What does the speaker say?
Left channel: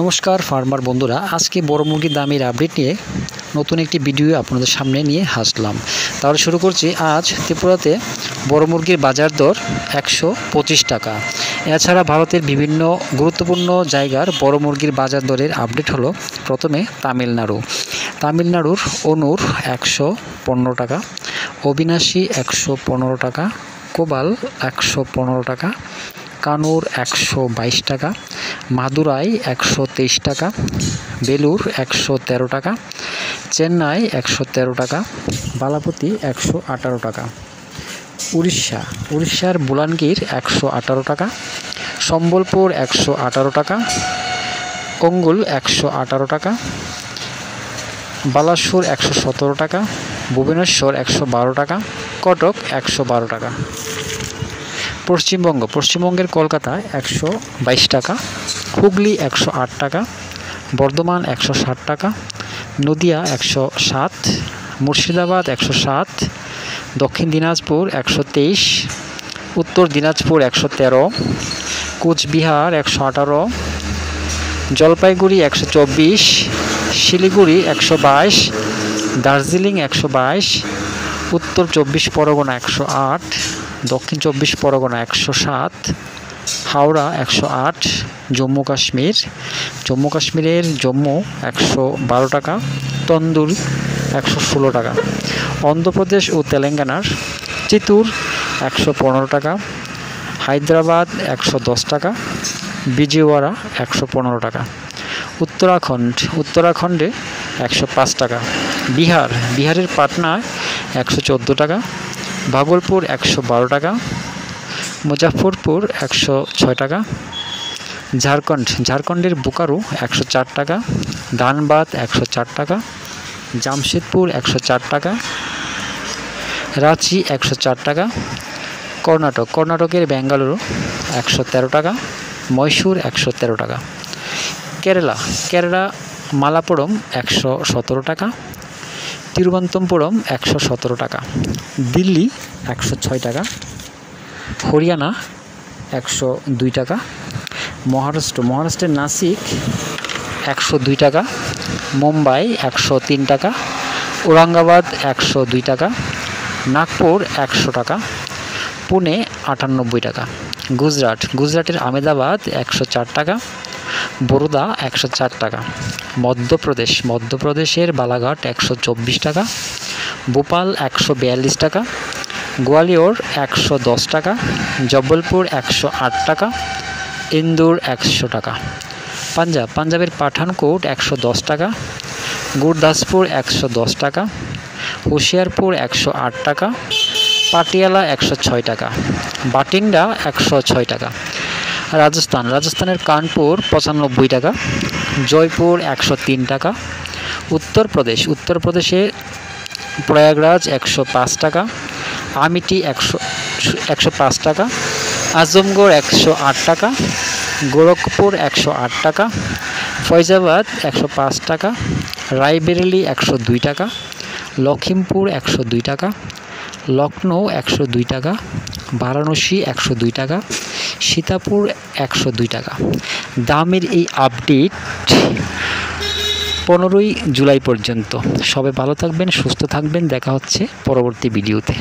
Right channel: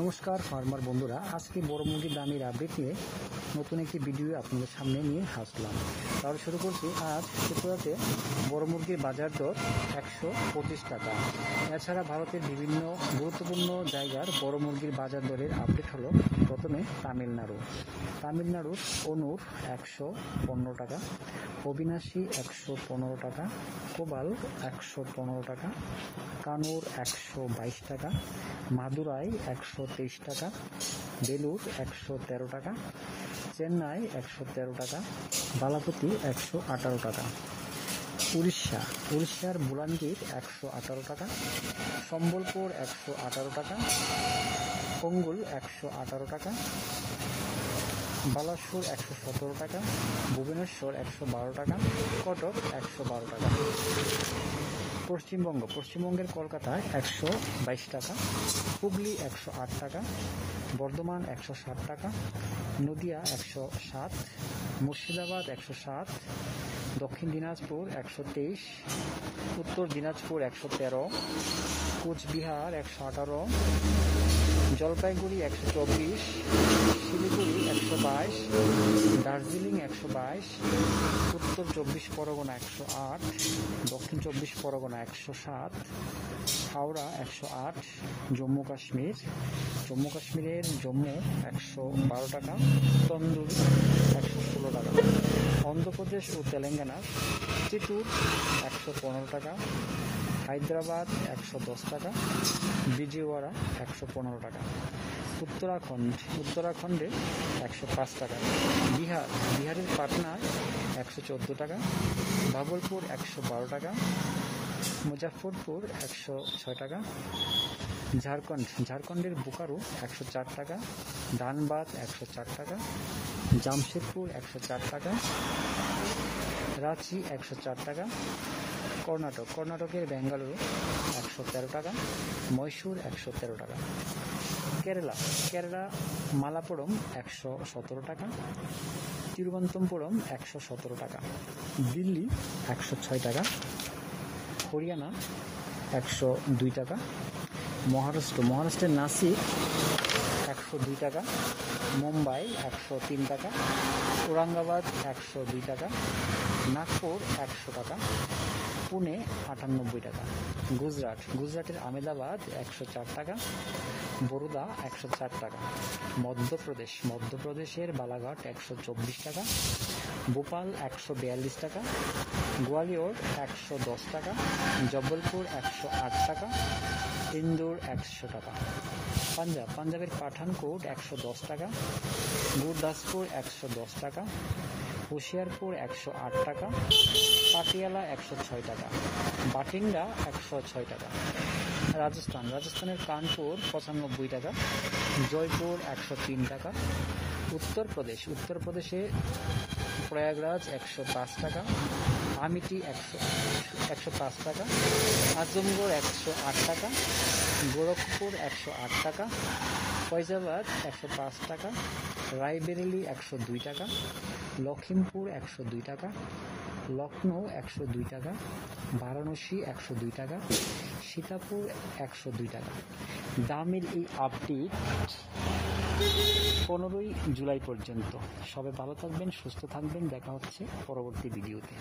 নমস্কার ফার্মার বন্ধুরা, আজকে বড় মুরগির দামের আপডেট নিয়ে নতুন একটি ভিডিও আপনাদের সামনে নিয়ে হাসলাম। তাহলে শুরু করছি। আজ ত্রিপুরাতে বড় মুরগির বাজার দর 125 টাকা। এছাড়া ভারতের বিভিন্ন গুরুত্বপূর্ণ জায়গার বড় মুরগির বাজার দরের আপডেট হলো। প্রথমে তামিলনাড়ুর অনুর 115 টাকা, অবিনাশী 115 টাকা, কোবাল 115 টাকা, কানুর 122 টাকা, মাদুরাই 123 টাকা, বেলুর 113 টাকা, চেন্নাই 113 টাকা, বালাপতি 118 টাকা, উড়িষ্যার বুলানগীর 118 টাকা, সম্বলপুর 118 টাকা, অঙ্গুল 118 টাকা, বালাসুর 117 টাকা, ভুবনেশ্বর 112 টাকা, কটক 112 টাকা। পশ্চিমবঙ্গের কলকাতায় 122 টাকা, হুগলি 108 টাকা, বর্ধমান 160 টাকা, নদিয়া 107, মুর্শিদাবাদ 107, দক্ষিণ দিনাজপুর 123, উত্তর দিনাজপুর 113, কোচবিহার 118, জলপাইগুড়ি 124, শিলিগুড়ি 122, দার্জিলিং 122, উত্তর 24 পরগনা 108, দক্ষিণ 24 পরগনা 107, হাওড়া 108, জম্মু কাশ্মীরের জম্মু 112 টাকা, তন্দুর 116 টাকা, অন্ধ্রপ্রদেশ ও তেলেঙ্গানার চিত্তুর 115 টাকা, হায়দ্রাবাদ 110 টাকা, বিজয়ওয়াড়া 115 টাকা, উত্তরাখণ্ডে 105 টাকা, বিহারের পাটনায় 114 টাকা, ভাগলপুর 112 টাকা, মুজাফরপুর 106 টাকা, ঝাড়খণ্ডের বোকারো 104 টাকা, ধানবাদ 104 টাকা, জামশেদপুর 104 টাকা, রাঁচি 104 টাকা, কর্ণাটকের বেঙ্গালুরু 113 টাকা, মহীশূর 113 টাকা, কেরালা মালাপুরম 117 টাকা, তিরুবনন্তপুরম 117 টাকা, দিল্লি 106 টাকা, হরিয়ানা 102 টাকা, মহারাষ্ট্রের নাসিক 102 টাকা, মুম্বাই 103 টাকা, ঔরঙ্গাবাদ 102 টাকা, নাগপুর 100 টাকা, পুনে 98 টাকা, গুজরাটের আহমেদাবাদ 104 টাকা, বরোদা 104 টাকা, মধ্যপ্রদেশের বালাঘাট 124 টাকা, ভোপাল 142 টাকা, গোয়ালিয়র 110 টাকা, জব্বলপুর 108 টাকা, ইন্দোর 100 টাকা, পাঞ্জাবের পাঠানকোট 110 টাকা, গুরদাসপুর 110 টাকা, হুশিয়ারপুর 108 টাকা, পাটিয়ালা 106 টাকা, বাটিন্ডা 106 টাকা, রাজস্থানের কানপুর 95 টাকা, জয়পুর 103 টাকা, উত্তরপ্রদেশে প্রয়াগরাজ 105 টাকা, আমিটি 105 টাকা, আজমগড় 108 টাকা, গোরখপুর 108 টাকা, ফৈজাবাদ 105 টাকা, রায়বেরেলি 102 টাকা, লখিমপুর 102 টাকা, লখনৌ 102 টাকা, বারাণসী 102 টাকা, সীতাপুর 102 টাকা। দামের এই আপডেট 15 জুলাই পর্যন্ত। সবাই ভালো থাকবেন, সুস্থ থাকবেন। দেখা হচ্ছে পরবর্তী ভিডিওতে।